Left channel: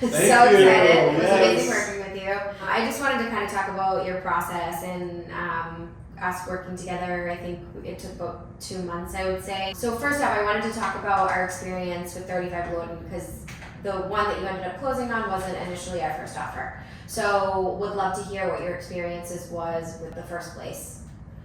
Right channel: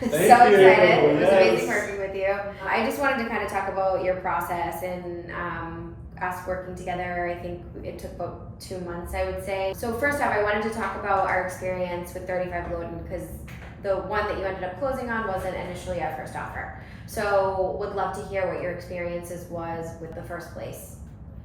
Thank So you. excited. It was Yes. amazing working with you. I just wanted to kind of talk about your process and us working together. I think it took about 2 months, I would say. So first off, I wanted to talk about our experience with 35 Loden because the one that you ended up closing on wasn't initially our first offer. So would love to hear what your experiences was with the first place.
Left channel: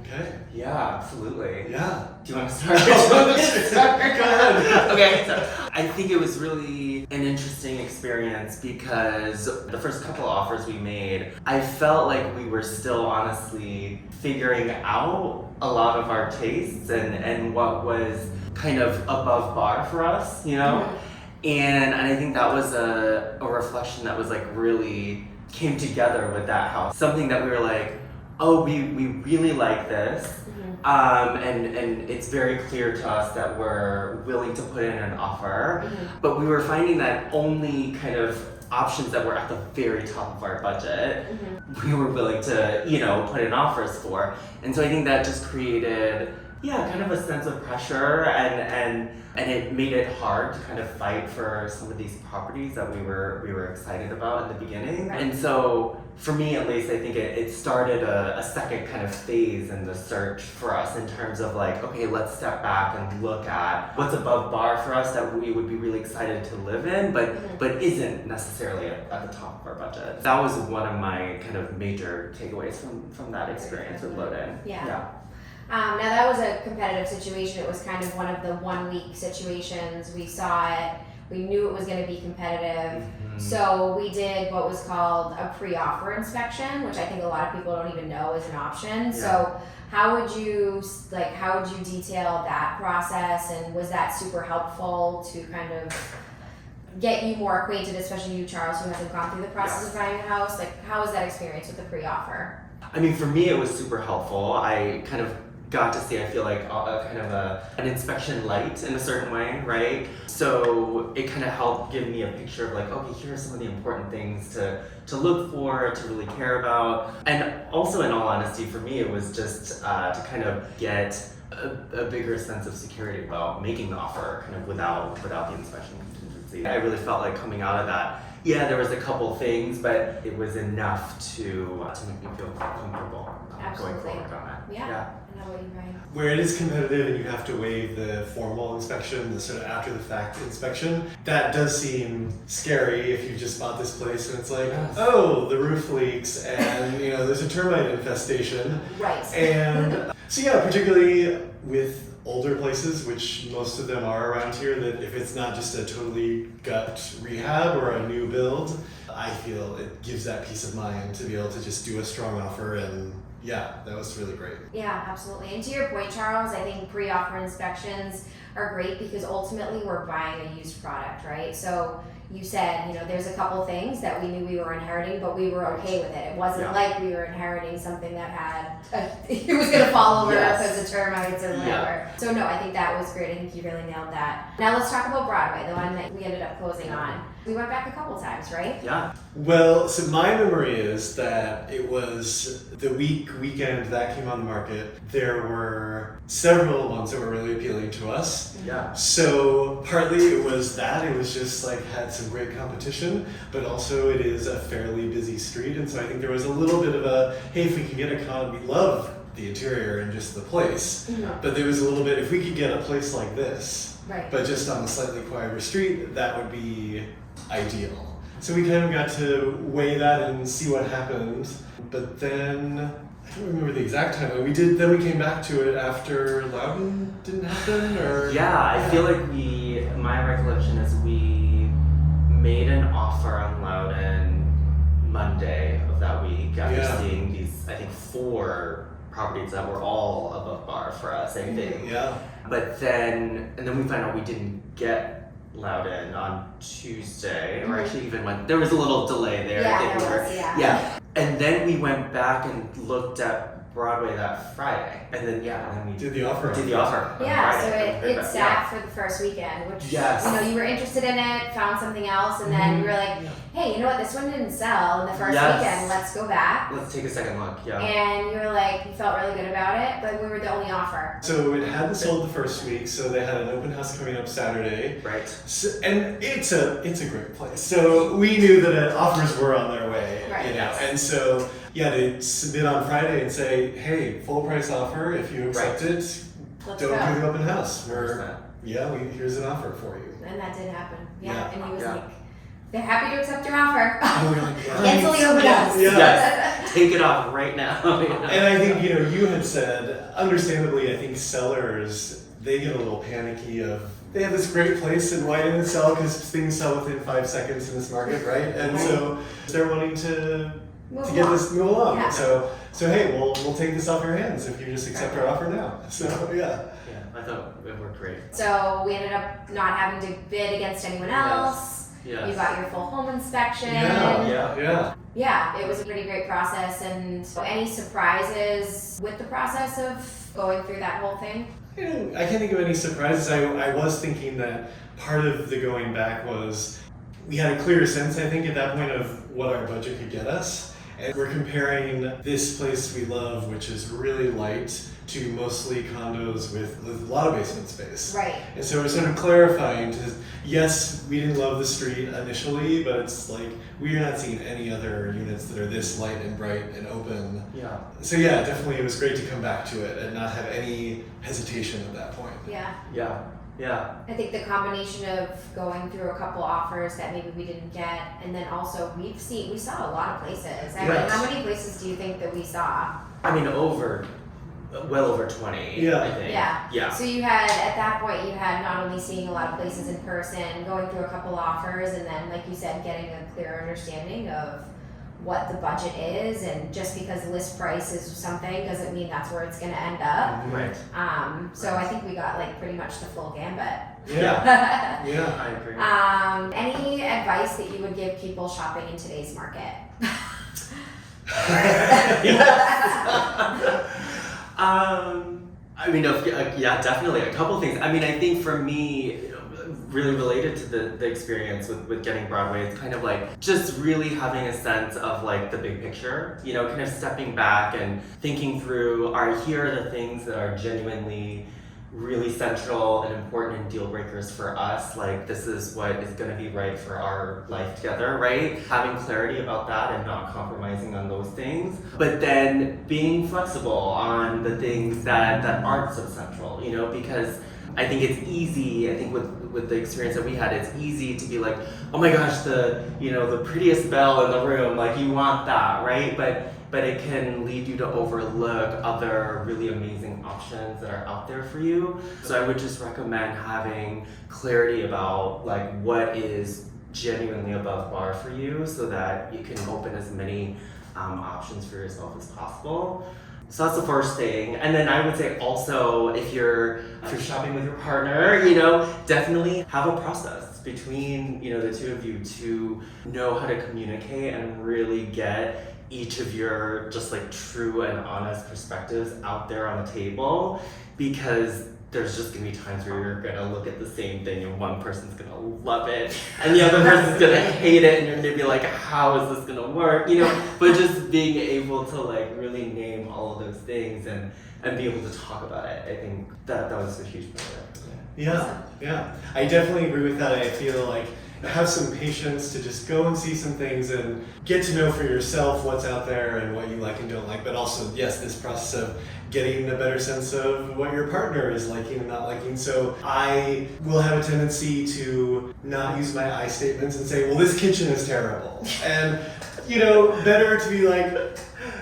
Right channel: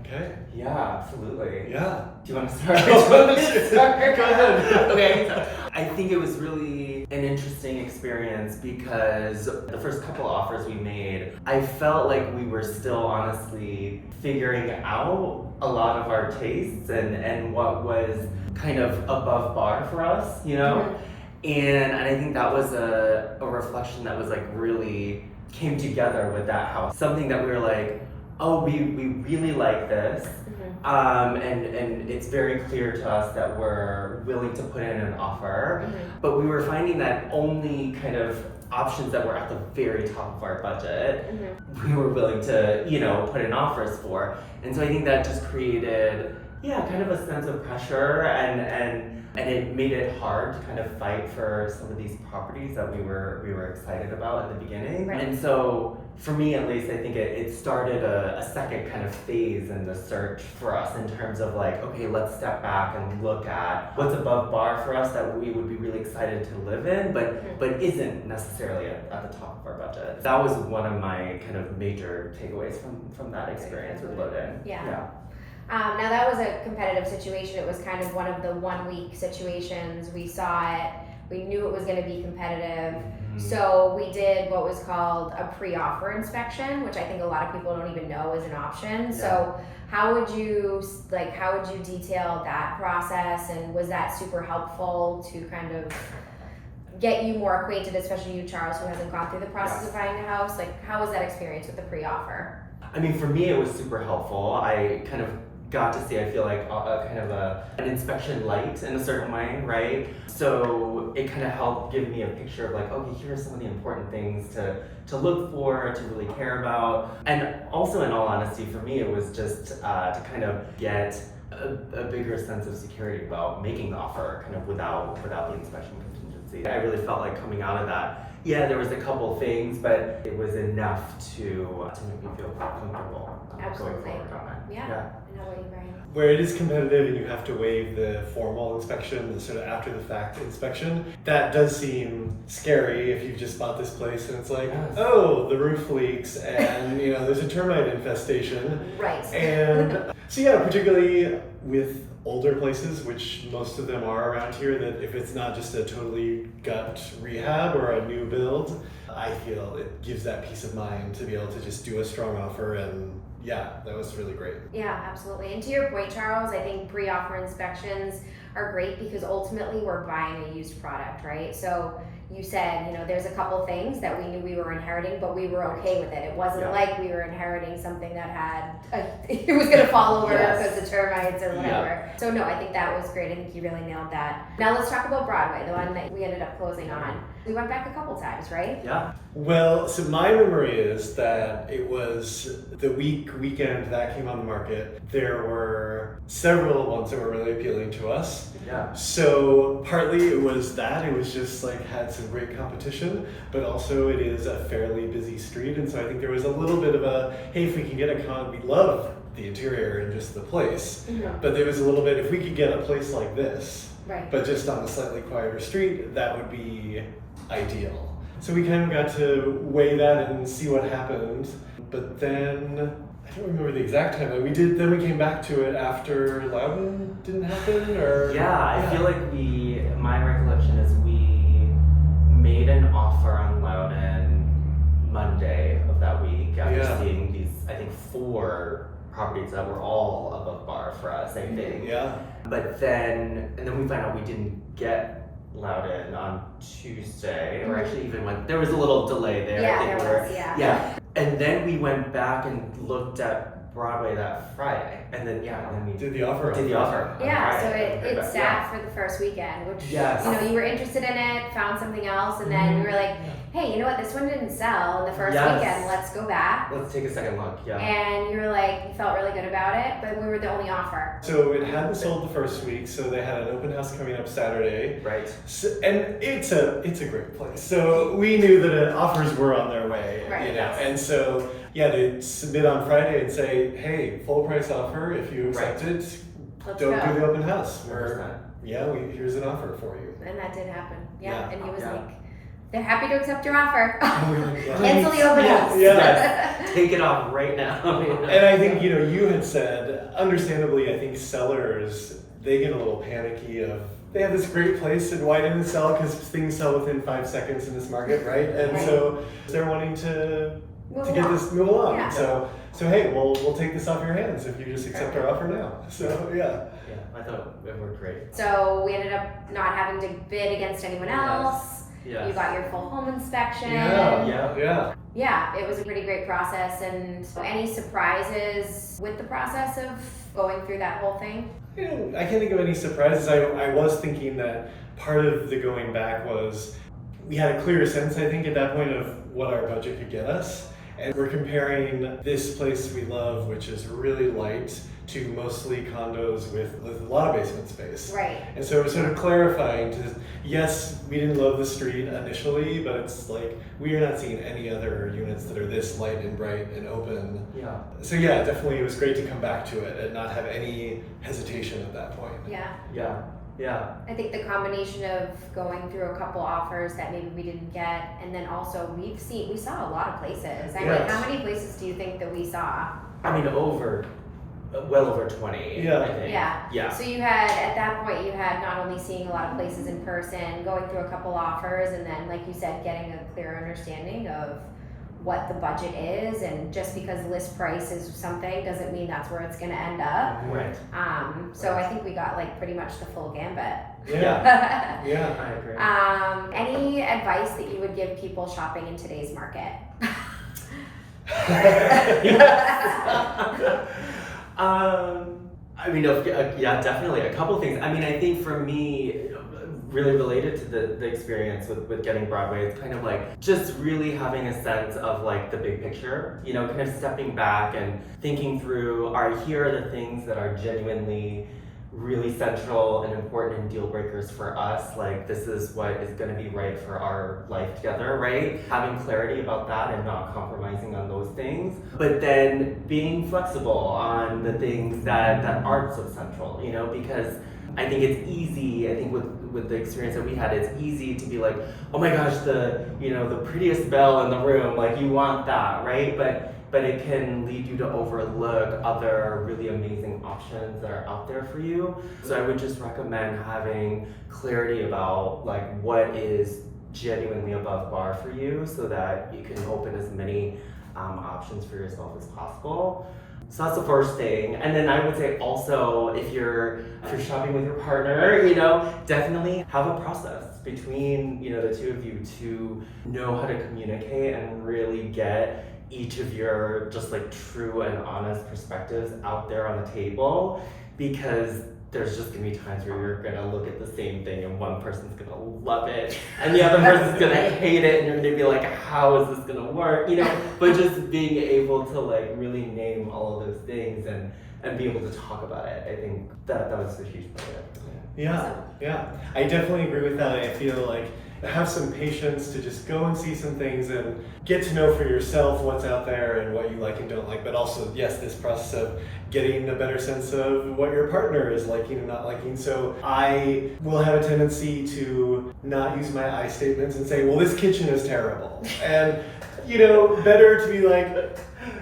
Okay. Yeah, absolutely. Yeah. Do you want to start? Go ahead. Okay, so I think it was really an interesting experience because the first couple of offers we made, I felt like we were still honestly figuring out a lot of our tastes and what was kind of above bar for us, you know? And I think that was a reflection that was like really came together with that house. Something that we were like, oh, we really like this. And it's very clear to us that we're willing to put in an offer. But we were finding that only kind of options that were at the very top of our budget, we were willing to, put in offers for. And so I think that just created, kind of a sense of pressure and it made it hard to kind of fight for some of these properties that we were excited about at the beginning. Right. And so for me at least, I think it started a second kind of phase in the search for us in terms of like, okay, let's step back and look at what's above bar for us that we would be really excited to live in, but isn't necessarily at the top of our budget. That was one of my kind of major takeaways from that experience with Loden. Yeah. Now that was a competitive situation. It was kind of one of the 1 week situations. We saw it. We knew it was going to be competitive. So we did what was called a pre-offer inspection, which I think a lot of people don't even know is an option. Yeah. So how would you detail that process, and was that super helpful to kind of get you more acquainted, especially you, Charles, who hasn't gone through the process of buying a house? Like, how was that experience with the pre-offer? I mean, for me, it was super helpful. I kind of got to see, I feel like, an inspection light in a certain way, right? So it kind of helped give me a picture of like, okay, here are some of the important things to look for, to really care about. And also, in all honesty, for me, it was just to kind of get a bigger sense of security about making the offer kind of without the inspection contingency. I really felt like coming out of that, there was a couple things, but it was enough to make me feel quite comfortable going forward on it. Yeah. I know what you mean. Where it is competitive and you have to waive the formal inspection, the sort of after the fact inspection, that does seem scary if you just bought this place and it's like, oh, the roof leaks and there's a termite infestation. Right. And so particularly with older places, which most of them are around here, that if it's not just a totally gut rehab or a new build, I feel it gives that peace of mind to be able to just do a strong offer. And that was really great. Yeah, absolutely. And to your point, Charles, I think pre-offer inspections are great because ultimately we're buying a used product, right? So you said, there's a couple things that we knew we were inheriting, but we were okay with it. It wasn't like we were inheriting something that it was going to fall over because of termites or whatever. So no, I think that was great. I think you really nailed that. Now let's talk about Broadway, the one that we ended up closing on. We went back a couple times, right? Yeah. Well, so my memory is that it was the weekend that came on the market. There were several ones that were really appealing to us. Yeah. So partly it was that, it was just like had some great competition, but also it is a fairly busy street. And so I think there was a little bit of a, hey, if we can get we love the interior and just the place, but there was a little bit, if we could get a place like this, but just on a slightly quieter street, that would be ideal. So we kind of got to weigh that and see what happened. But then, I don't remember the exact time. We came back to it after Loudon didn't happen, or? I feel like my recollection is we made an offer on Loudon Monday of that week after seeing these, I think, 4 properties that were all above bar for us, I think. Yeah. But then we found out we didn't get Loudon on Tuesday, or actually even there was a little delay there. Yeah, And then we went back and looked at Broadway that Friday. And then and we Did the offer on did the Thursday. offer. on Yeah, so Friday. it sat for the first weekend, which Yes. you know you were interested in it, found something else, and then we were like, hey, you know what? This one didn't sell in the first Yes. weekend. Let's go back. Let's take a second look. Yeah. And you were like, you felt really good about it, but we were the only offer. So it hadn't sold the first week, so they had an open house coming up Saturday. Right. So, and it's a great place. So we knew that offers were on their way, Right. you know. And so they'd submit on Friday and say, hey, full price offer. If you accept it, Let's don't go. do the open house. 100%. Here's an offer for you. And that did happen. Yeah. Yeah. And he was Yeah. like, they're happy to accept your offer. Yeah. Cancel the open house. Yeah. Yes. Take it off right now. And I think, you had said, understandably, I think sellers, they get a little panicky of, they have this great place and why didn't it sell? Because things sell within 5 seconds in this market, right? And so they're wanting to Move get along. this move along. Yeah. So hey, we'll take this off your hands if you just accept our offer now. So yeah. Yeah, I thought it worked great. So we ended up not having to bid against anyone else. Yes. You got your full home inspection. Yeah. Yeah, it was a pretty great process. And any surprises with the process of going through that whole thing? I can't think of any surprises. I was thinking that part of the going back was we had a clearer sense, I think, at that point of what our budget could get us. And we're comparing this place we love, which is really light, to mostly condos with a lot of basement space. Right. And so we're sort of clarifying to, yes, we didn't love the street initially, but it's like we are not seeing any other units that are this light and bright and open. Yeah. So yeah, definitely it was great to come back to it and not have any hesitation at that point. Yeah. Yeah. Yeah. I think the combination of going through a couple offers that maybe we didn't get, and then also we saw a lot of places. I mean, Yes. how many places do you think that we saw? I mean, well over 20. Yeah. I think. Yeah. Yeah. So you had, at that point, you had not only seeing a lot of places in person, going through a couple offers, and then, like you said, getting a clear understanding of what the budget is, and just because list price is something doesn't mean that's where it's gonna end up. Right. So I think we got like pretty much the full gambit. Yeah. Yeah. I agree. Any advice that you would give people shopping in today's market? I mean, yeah, definitely. A couple things. I mean, I think for me, really related to the experience with getting Broadway, it's kind of like just really having a sense of like the big picture, kind of stepping back and thinking through, here are the things that are genuinely really central and important and deal breakers for us. Like, this is what is going to be right for our life together, right? Having clarity about that and not compromising on those things, but then being flexible on the things that aren't so central, because I think it's easy, with the experience that we had, it's easy to be like, oh my gosh, the prettiest belle in the room, like you want that, right? But it can lead you to overlook other really amazing options that are out there for you. So I would just recommend having clarity about like what is genuinely above bar for you, so that you can open as many options for yourself as possible. So that's the first thing. And then I would say also, if you're shopping with your partner, definitely have a process between, the two of you to know how to communicate and really get each of your just like true and honest perspectives out there on the table, because there's just gonna be times where you're gonna look at the same thing and one person's gonna love it and the other person's gonna hate it, and you're gonna be like, how is this gonna work? But just being able to like really name all of those things and be able to talk about it, I think that was a huge part of it. Yeah. I definitely agree with that. I feel like have some patience to just go and see some things and get to know for yourself what's out there and what you like and don't like, but also, yes, this process of getting a better sense of what your partner is liking and not liking. So I will have a tendency to not use my I statements and say, well, this kitchen is terrible. And, better to be like,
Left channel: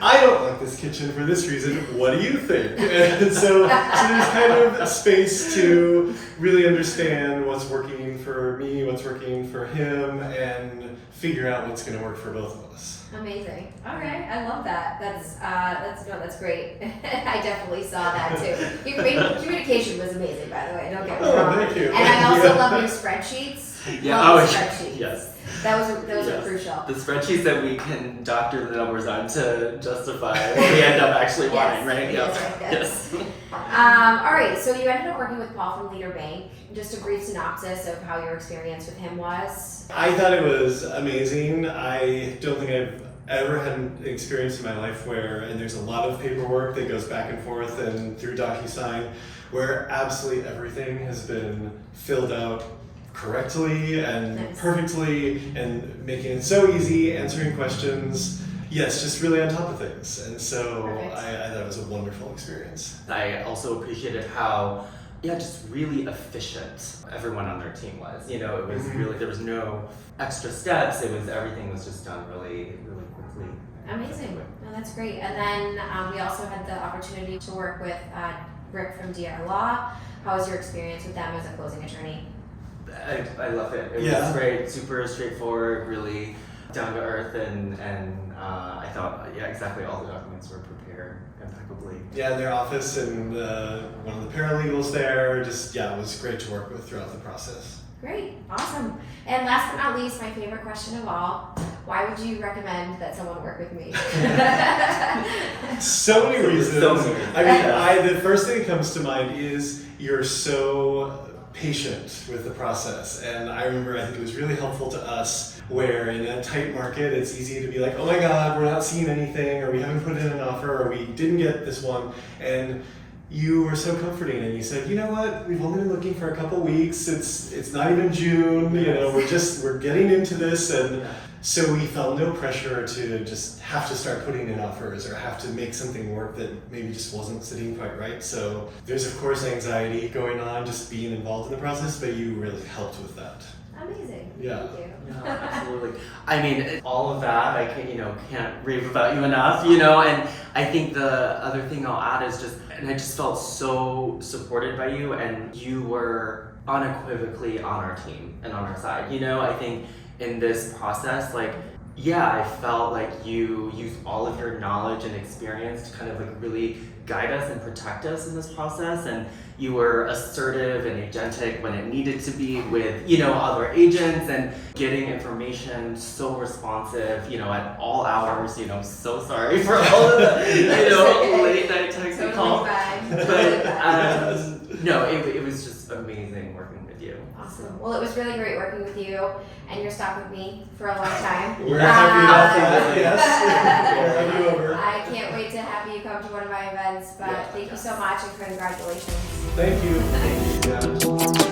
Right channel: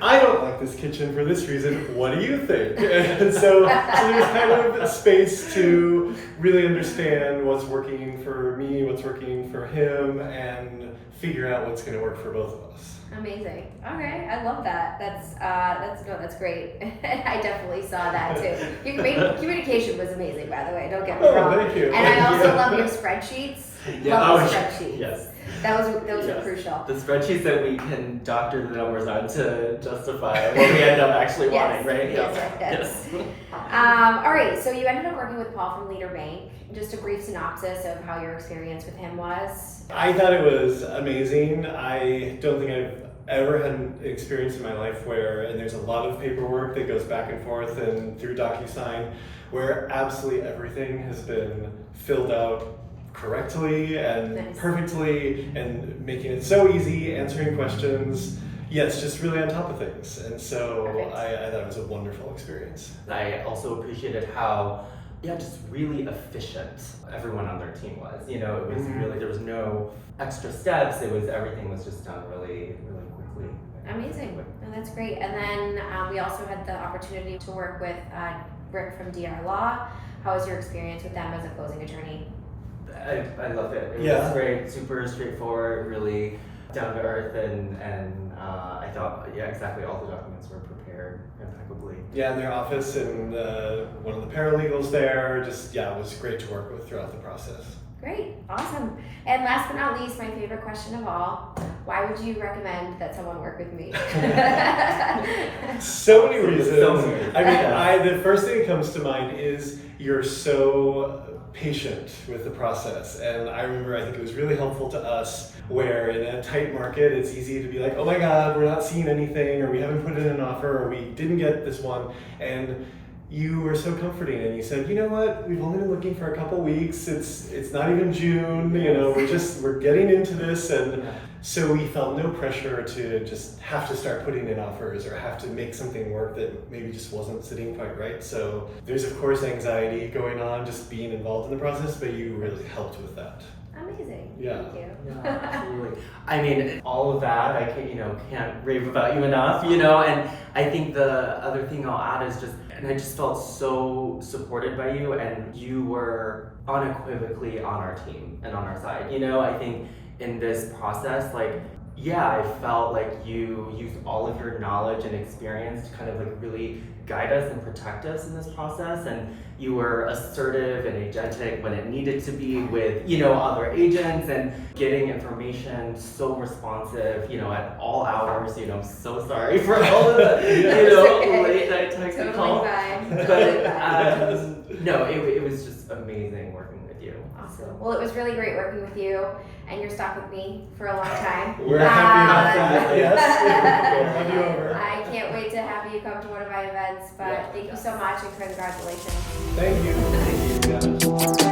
I don't like this kitchen for this reason. What do you think? And so there's kind of space to really understand what's working for me, what's working for him, and figure out what's going to work for both of us. Amazing. Okay, I love that. That's great. I definitely saw that too. Your communication was amazing, by the way. Don't get me wrong. Thank you. And I also love your spreadsheets. Yeah. Love Oh, the spreadsheets. yes. Those are Yes. crucial. The spreadsheets that we can doctor the numbers on to justify what we end up actually wanting, right? Yes. All right, so you ended up working with Paul from Leader Bank. Just a brief synopsis of how your experience with him was. I thought it was amazing. I don't think I've ever had an experience in my life where, and there's a lot of paperwork that goes back and forth and through DocuSign, where absolutely everything has been filled out correctly and Nice. perfectly and making it so easy, answering questions. Yes, just really on top of things. And so Perfect. I thought it was a wonderful experience. I also appreciated how, just really efficient everyone on their team was. You know, it was Mhm. really, there was no extra steps. Everything was just done really, really quickly. Amazing. Oh, that's great. And then we also had the opportunity to work with Rick from DR Law. How was your experience with them as a closing attorney? I loved it. It Yeah. was great, super straightforward, really down to earth, and I thought, exactly, all the documents were prepared impeccably. Yeah, their office and one of the paralegals there, just, it was great to work with throughout the process. Great, awesome. And last but not least, my favorite question of all, why would you recommend that someone work with me? So many reasons. So many reasons. I mean, the first thing that comes to mind is you're so patient with the process. And I remember, I think it was really helpful to us where in a tight market, it's easy to be like, oh my God, we're not seeing anything, or we haven't put in an offer, or we didn't get this one. And you were so comforting, and you said, you know what, we've only been looking for a couple weeks. It's not even June, you know, we're getting into this. And so we felt no pressure to just have to start putting in offers or have to make something work that maybe just wasn't sitting quite right. So there's of course anxiety going on just being involved in the process, but you really helped with that. Amazing. Yeah. Thank you. Yeah, absolutely. I mean, all of that, I can't rave about you enough, and I think the other thing I'll add is and I just felt so supported by you, and you were unequivocally on our team and on our side. I think in this process, I felt like you used all of your knowledge and experience to kind of really guide us and protect us in this process, and you were assertive and agentic when it needed to be with other agents, and getting information so responsive at all hours. I'm so sorry for all of the late night texts and calls, but no, it was just amazing working with you. Awesome. Well, it was really great working with you, and you're stuck with me for a long time. We're happy about that, yes. We'll have you over. I can't wait to have you come to one of my events, but thank you so much and congratulations. Thank you. Thank you.